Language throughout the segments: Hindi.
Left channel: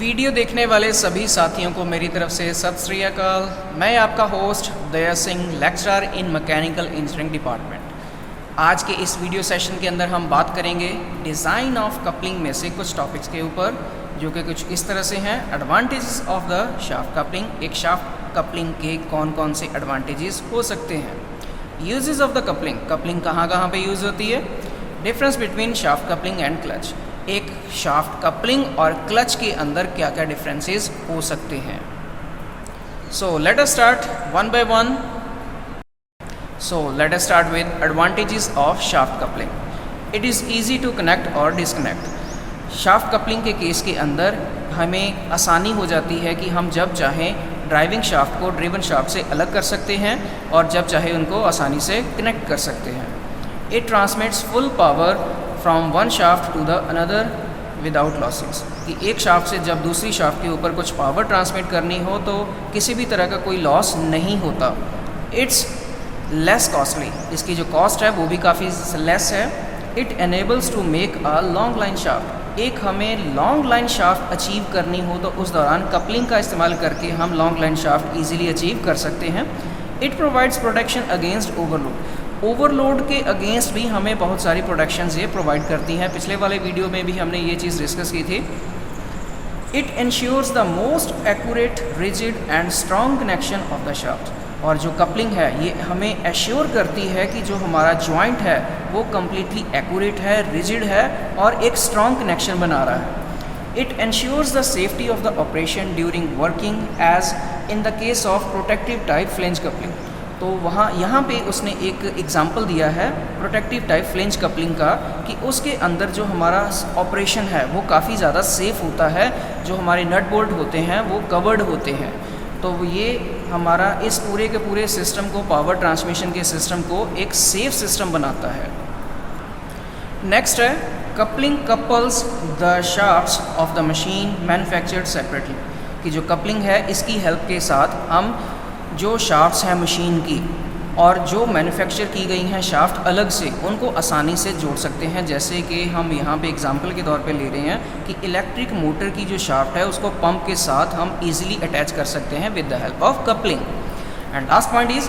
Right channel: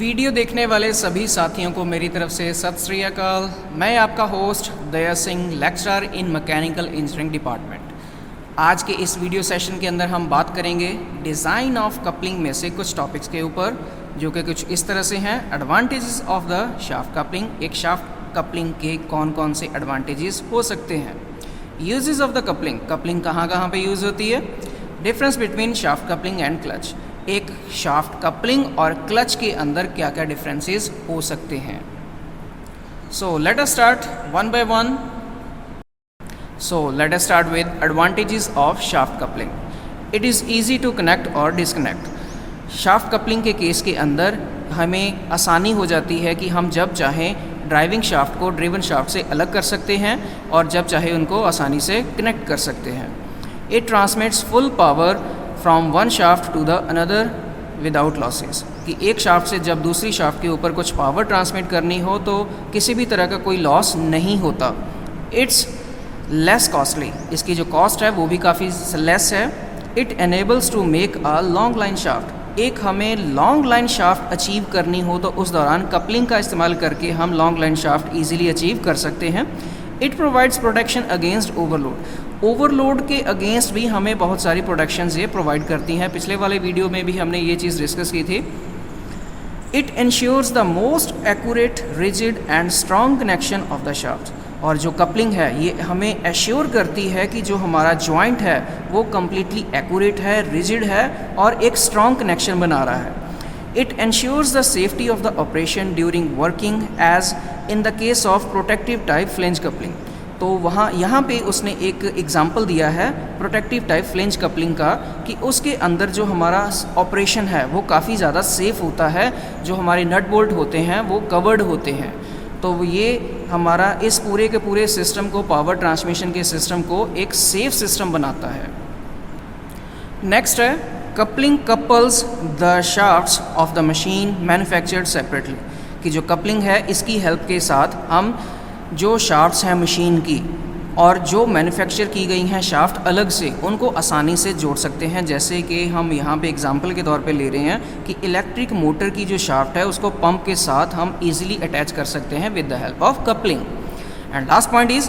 वीडियो देखने वाले सभी साथियों को मेरी तरफ से सत श्री अकाल। मैं आपका host Daya Singh, lecturer in mechanical engineering department. आज के इस वीडियो सेशन के अंदर हम बात करेंगे डिज़ाइन ऑफ कपलिंग में से कुछ टॉपिक्स के ऊपर, जो कि कुछ इस तरह से हैं। Advantages of the shaft coupling, एक शाफ्ट कपलिंग के कौन कौन से एडवांटेजेस हो सकते हैं। Uses of the coupling, coupling कहाँ कहाँ पे यूज़ होती है। Difference between shaft coupling and clutch, एक शाफ्ट कपलिंग और क्लच के अंदर क्या क्या डिफरेंसेस हो सकते हैं। So let us start one by one. So let us start with advantages of shaft coupling. It is easy to connect और डिसकनेक्ट। शाफ्ट कपलिंग के केस के अंदर हमें आसानी हो जाती है कि हम जब चाहें ड्राइविंग शाफ्ट को ड्रिवन शाफ्ट से अलग कर सकते हैं और जब चाहे उनको आसानी से कनेक्ट कर सकते हैं। It transmits full power from one shaft to the another without losses, कि एक शाफ्ट से जब दूसरी शाफ्ट के ऊपर कुछ पावर ट्रांसमिट करनी हो तो किसी भी तरह का कोई लॉस नहीं होता। इट्स लेस कॉस्टली, इसकी जो कॉस्ट है वो भी काफ़ी लेस है। It enables to make a long line shaft, एक हमें लॉन्ग लाइन शाफ्ट अचीव करनी हो तो उस दौरान कपलिंग का इस्तेमाल करके हम long line shaft easily achieve कर सकते हैं। It provides protection against overload, overload के अगेंस्ट भी हमें बहुत सारी प्रोटेक्शंस ये प्रोवाइड करती हैं। पिछले वाले वीडियो में भी हमने ये चीज़ डिस्कस की थी। It ensures the most accurate, rigid and strong connection of the shaft, और जो कपलिंग है ये हमें एश्योर करती है कि जो हमारा जॉइंट है वो कम्प्लीटली एक्यूरेट है, रिजिड है और एक स्ट्रॉन्ग कनेक्शन बना रहा है। It ensures the safety of the operation during working as in the case of protective type flange coupling. तो यहाँ पे उसने एक एग्जांपल दिया है प्रोटेक्टिव टाइप फ्लेंज कपलिंग का, कि उसके अंदर जो हमारा ऑपरेशन है वो काफ़ी ज़्यादा सेफ़ होता है, जो हमारे नट बोल्ट होते हैं वो कवर्ड होते हैं। तो ये हमारा इस पूरे के पूरे सिस्टम को, पावर ट्रांसमिशन के सिस्टम को एक सेफ सिस्टम बनाता है। नेक्स्ट है coupling couples the shafts of the machine manufactured separately, कि जो कपलिंग है इसकी हेल्प के साथ हम जो शाफ्ट्स हैं मशीन की और जो मैन्युफैक्चर की गई हैं शाफ्ट अलग से, उनको आसानी से जोड़ सकते हैं। जैसे कि हम यहाँ पे एग्जांपल के तौर पे ले रहे हैं कि इलेक्ट्रिक मोटर की जो शाफ्ट है उसको पंप के साथ हम इजीली अटैच कर सकते हैं with the help of coupling. And last point is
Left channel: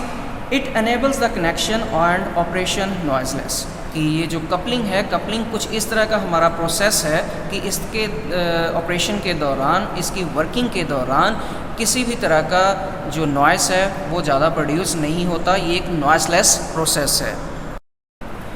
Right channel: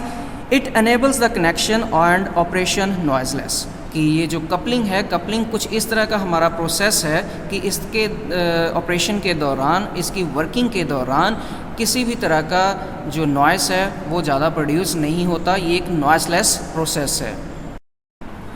it enables the connection and operation noiseless, कि ये जो कपलिंग है, कपलिंग कुछ इस तरह का हमारा प्रोसेस है कि इसके ऑपरेशन के दौरान, इसकी वर्किंग के दौरान किसी भी तरह का जो नॉइस है वो ज़्यादा प्रोड्यूस नहीं होता। ये एक नॉइसलेस प्रोसेस है।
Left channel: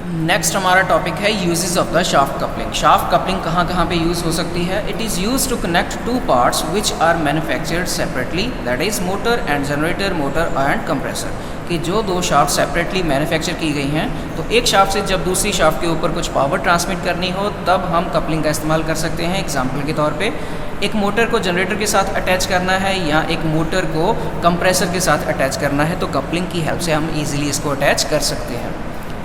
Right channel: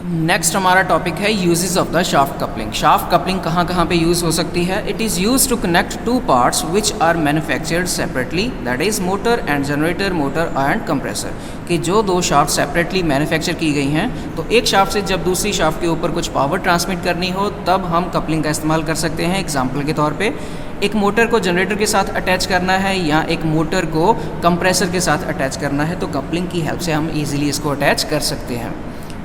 नेक्स्ट हमारा टॉपिक है uses of the shaft coupling. Shaft coupling कहाँ कहाँ पे यूज़ हो सकती है। It is use to connect two parts which are manufactured separately, that is motor and generator, motor and compressor, कि जो दो शाफ्ट सेपरेटली मैन्युफैक्चर की गई हैं तो एक शाफ्ट से जब दूसरी शाफ्ट के ऊपर कुछ पावर ट्रांसमिट करनी हो तब हम कपलिंग का इस्तेमाल कर सकते हैं। एग्जाम्पल के तौर पे एक मोटर को जनरेटर के साथ अटैच करना है या एक मोटर को कंप्रेसर के साथ अटैच करना है तो कपलिंग की हेल्प से हम ईजिली इसको अटैच कर सकते हैं।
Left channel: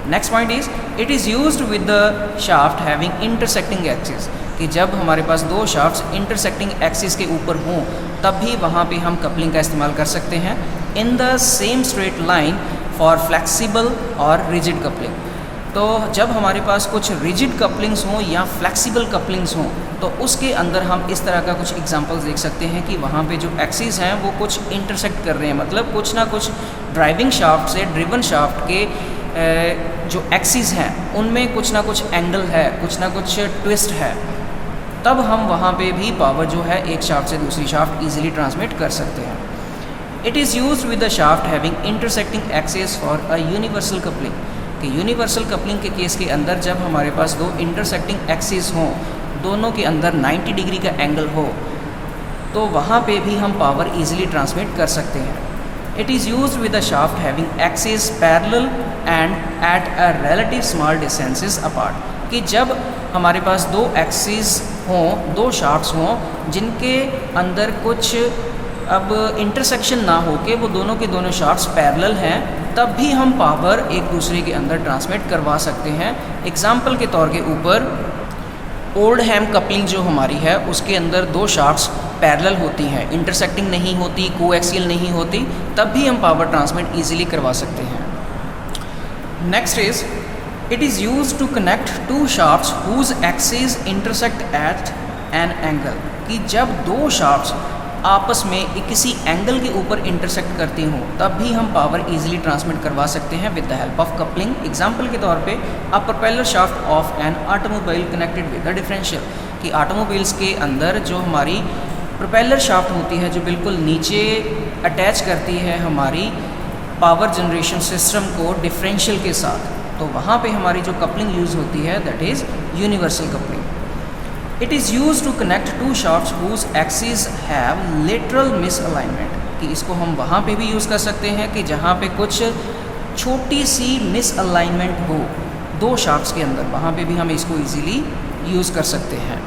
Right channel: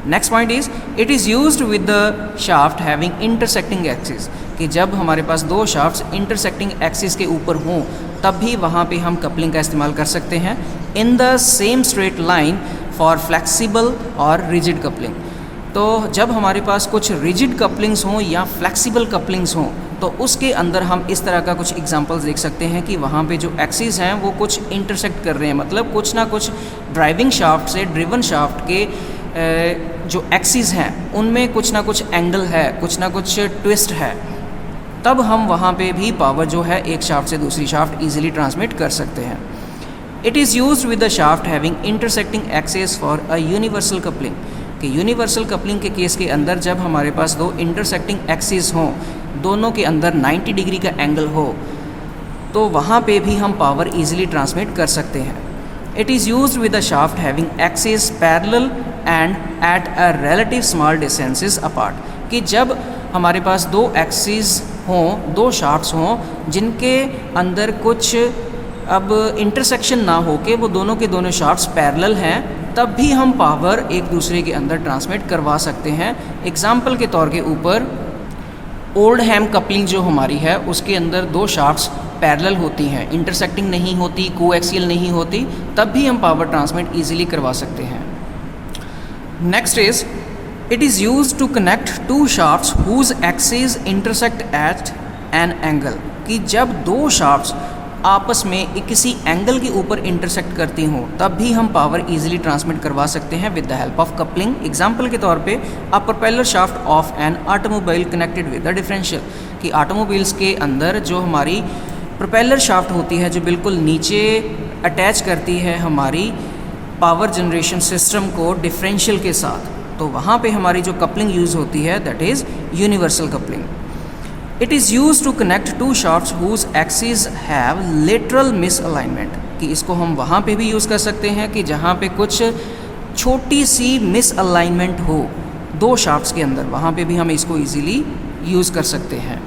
Next point is it is used with the shaft having intersecting axis, कि जब हमारे पास दो शाफ्ट्स इंटरसेक्टिंग एक्सिस के ऊपर हों तब भी वहाँ पे हम कपलिंग का इस्तेमाल कर सकते हैं। In the same straight line for flexible और रिजिड कपलिंग, तो जब हमारे पास कुछ रिजिड कपलिंग्स हों या फ्लेक्सिबल कपलिंग्स हों तो उसके अंदर हम इस तरह का कुछ एग्जांपल्स देख सकते हैं कि वहाँ पे जो एक्सिस हैं वो कुछ इंटरसेक्ट कर रहे हैं, मतलब कुछ ना कुछ ड्राइविंग शाफ्ट से ड्रिवन शाफ्ट के जो एक्सिस हैं उनमें कुछ ना कुछ एंगल है, कुछ ना कुछ ट्विस्ट है, तब हम वहाँ पे भी पावर जो है एक शाफ्ट से दूसरी शाफ्ट ईजिली ट्रांसमिट कर सकते हैं। It is used with the shaft having intersecting axis for a universal coupling, कि यूनिवर्सल कपलिंग के केस के अंदर जब हमारे पास दो इंटरसेक्टिंग एक्सिस हों, दोनों के अंदर 90 डिग्री का एंगल हो, तो वहाँ पे भी हम पावर ईजिली ट्रांसमिट कर सकते हैं। It is used with the shaft having axis parallel and at a relative small distances apart, कि जब हमारे पास दो एक्सिस हों, दो शाफ्ट्स हों जिनके अंदर कुछ अब इंटरसेक्शन ना हो के वो दोनों के दोनों शाफ्ट्स पैरेलल हैं, तब भी हम पावर एक दूसरे के अंदर ट्रांसमिट करवा सकते हैं। एग्जाम्पल के तौर के ऊपर ओल्डहैम कपलिंग जो हमारी है उसके अंदर दो शाफ्ट्स पैरेलल होती हैं, इंटरसेक्टिंग नहीं होती, कोएक्सियल नहीं होती, तब भी हम पावर ट्रांसमिट ईजिली करवा सकते हैं। Next is it is used to connect two shafts whose axis intersect at an angle, कि जब दो शाफ्ट्स आपस में किसी एंगल के ऊपर इंटरसेक्ट करती हों तब भी हम पावर इजीली ट्रांसमिट करवा सकते हैं with the help of coupling. Example के तौर पे a propeller shaft of an automobile connected with the differential, कि ऑटोमोबाइल्स के अंदर जो हमारी प्रोपेलर शाफ्ट होती है जो बिल्कुल नीचे अटैच करती है हमारी पावर जनरेशन सिस्टम को डिफरेंशियल के साथ, तो वहाँ पे हमारी जो कपलिंग यूज़ होती है that is universal coupling. It is use to connect two shafts whose axis have lateral misalignment, कि इसको हम वहाँ पे भी यूज़ कर सकते हैं कि जहाँ पे कुछ छोटी सी मिसअलाइनमेंट हो दो शाफ्ट्स के अंदर, वहाँ पे भी हम इसको इजीली यूज़ कर सकते हैं।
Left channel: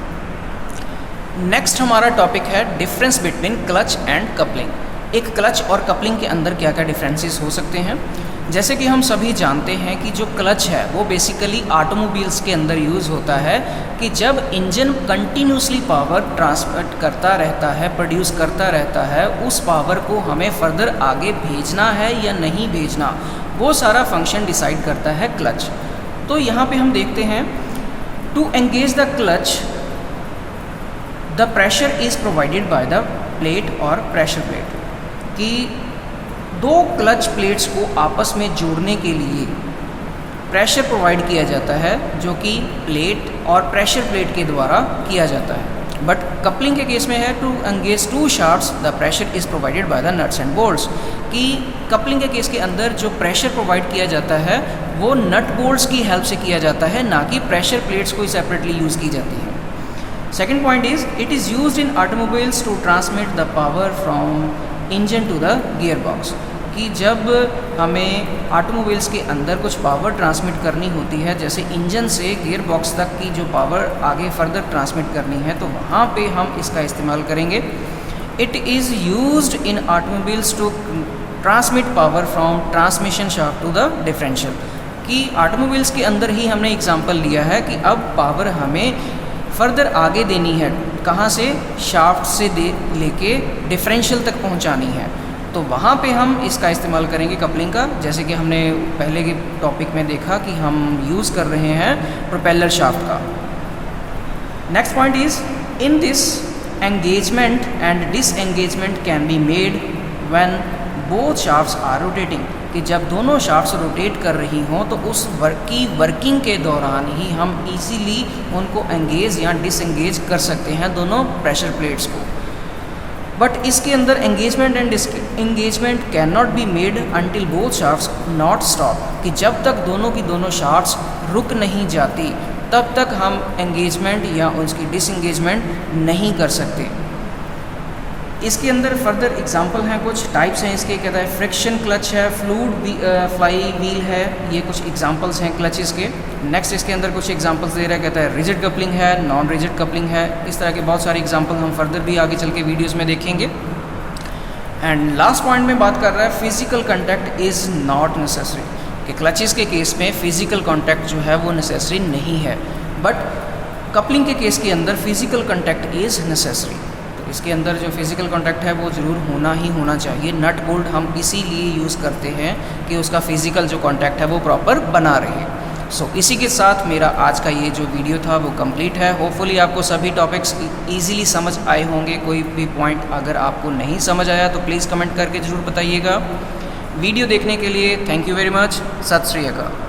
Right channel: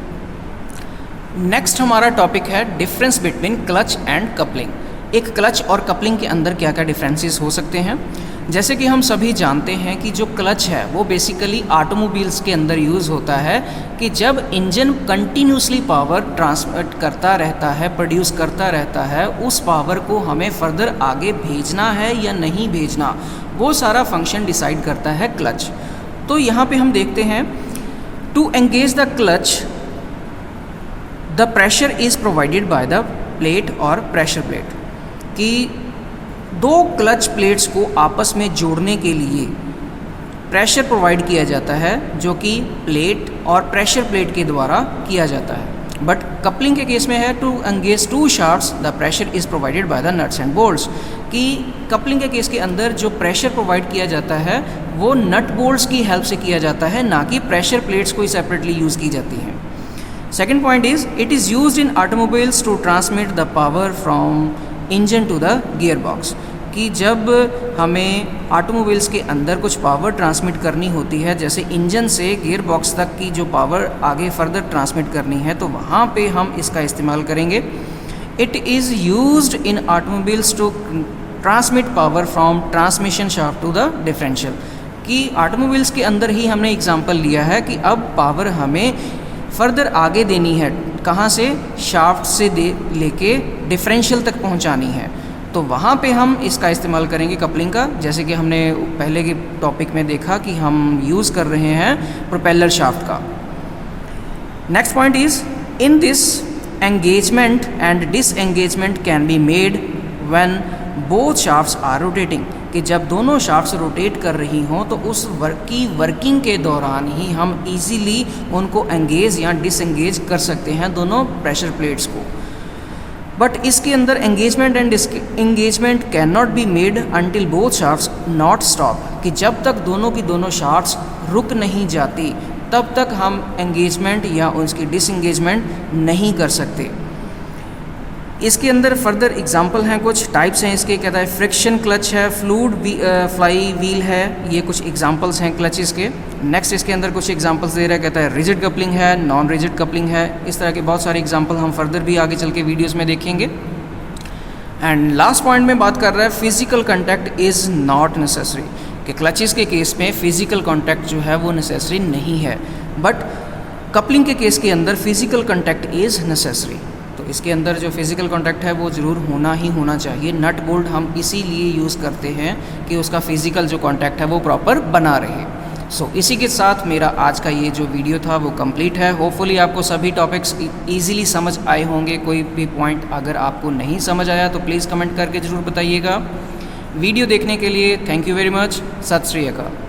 नेक्स्ट हमारा टॉपिक है difference between clutch and coupling. एक क्लच और कपलिंग के अंदर क्या क्या डिफरेंसेस हो सकते हैं। जैसे कि हम सभी जानते हैं कि जो क्लच है वो बेसिकली ऑटोमोबाइल्स के अंदर यूज़ होता है कि जब इंजन कंटिन्यूसली पावर ट्रांसमिट करता रहता है, प्रोड्यूस करता रहता है, उस पावर को हमें फर्दर आगे भेजना है या नहीं भेजना, वो सारा फंक्शन डिसाइड करता है क्लच। तो यहाँ पे हम देखते हैं to engage the clutch the pressure is provided by the plate और प्रेशर प्लेट, कि दो क्लच प्लेट्स को आपस में जोड़ने के लिए प्रेशर प्रोवाइड किया जाता है जो कि प्लेट और प्रेशर प्लेट के द्वारा किया जाता है। बट कपलिंग के केस में है to engage two shafts the pressure is provided by the nuts and bolts, कि कपलिंग के केस के अंदर जो प्रेशर प्रोवाइड किया जाता है वो नट बोल्ट्स की हेल्प से किया जाता है, ना कि प्रेशर प्लेट्स को सेपरेटली यूज़ की जाती है। Second point is it is used in automobiles to transmit the power from engine to the gear box, कि जब हमें ऑटोमोबाइल्स के अंदर कुछ पावर ट्रांसमिट करनी होती है, जैसे इंजन से गियर बॉक्स तक की जो पावर आगे फर्दर ट्रांसमिट करनी है, तो वहाँ पे हम इसका इस्तेमाल करेंगे। It is used in automobiles to transmit power from transmission shaft to the differential, कि ऑटोमोबाइल्स के अंदर ही हमने एग्जांपल लिया है कि अब पावर हमें फर्दर आगे देनी है, कहाँ से, शाफ्ट से लेके डिफरेंशियल तक पहुँचानी है, तो वहाँ पे हम इसका इस्तेमाल करेंगे कपलिंग का। जैसे कि हमने पहले के टॉपिक में देखा कि हम यूज़ कर रहे हैं प्रोपेलर शाफ्ट का। Next point is in this engagement and disengagement can be made when both shafts are rotating, कि जब दोनों शाफ्ट्स रोटेट कर रही हों तो उस वर्किंग के दौरान ही हम इजीली उनको एंगेज या डिसएंगेज कर सकते हैं दोनों प्रेशर प्लेट्स को। बट इसके अंदर engagement and disengagement can not be made until both shafts not stop, कि जब तक दोनों की दोनों शाफ्ट्स रुक नहीं जाती तब तक हम एंगेजमेंट या उसकी डिसएंगेजमेंट नहीं कर सकते। इसके अंदर फर्दर एग्जांपल हैं, कुछ टाइप्स हैं इसके, कहता है फ्रिक्शन क्लच है, फ्लाई व्हील है, ये कुछ एग्जांपल्स हैं क्लचेस के। नेक्स्ट इसके अंदर कुछ एग्जांपल्स दे रहा है, कहता है रिजिड कपलिंग है, नॉन रिजिड कपलिंग है, इस तरह के बहुत सारे एग्जांपल हम फर्दर भी आगे चल के वीडियोज़ में देखेंगे। एंड लास्ट पॉइंट में बात कर रहा है physical contact is not necessary, कि क्लचेस के केस में फिजिकल कॉन्टैक्ट जो है वो नेसेसरी नहीं है, बट कपलिंग के केस के अंदर फिजिकल कॉन्टैक्ट इज़ नेसेसरी। तो इसके अंदर जो फिजिकल कॉन्टैक्ट है वो ज़रूर होना ही होना चाहिए। नट बोल्ट हम इसीलिए यूज़ करते हैं कि उसका फिजिकल जो कॉन्टैक्ट है वो प्रॉपर बना रहे। सो इसी के साथ मेरा आज का ये जो वीडियो था वो कंप्लीट है। होपफुली आपको सभी टॉपिक्स इजीली समझ आए होंगे। कोई भी पॉइंट अगर आपको नहीं समझ आया तो प्लीज़ कमेंट करके ज़रूर बताइएगा। वीडियो देखने के लिए थैंक यू वेरी मच। सत श्री अकाल।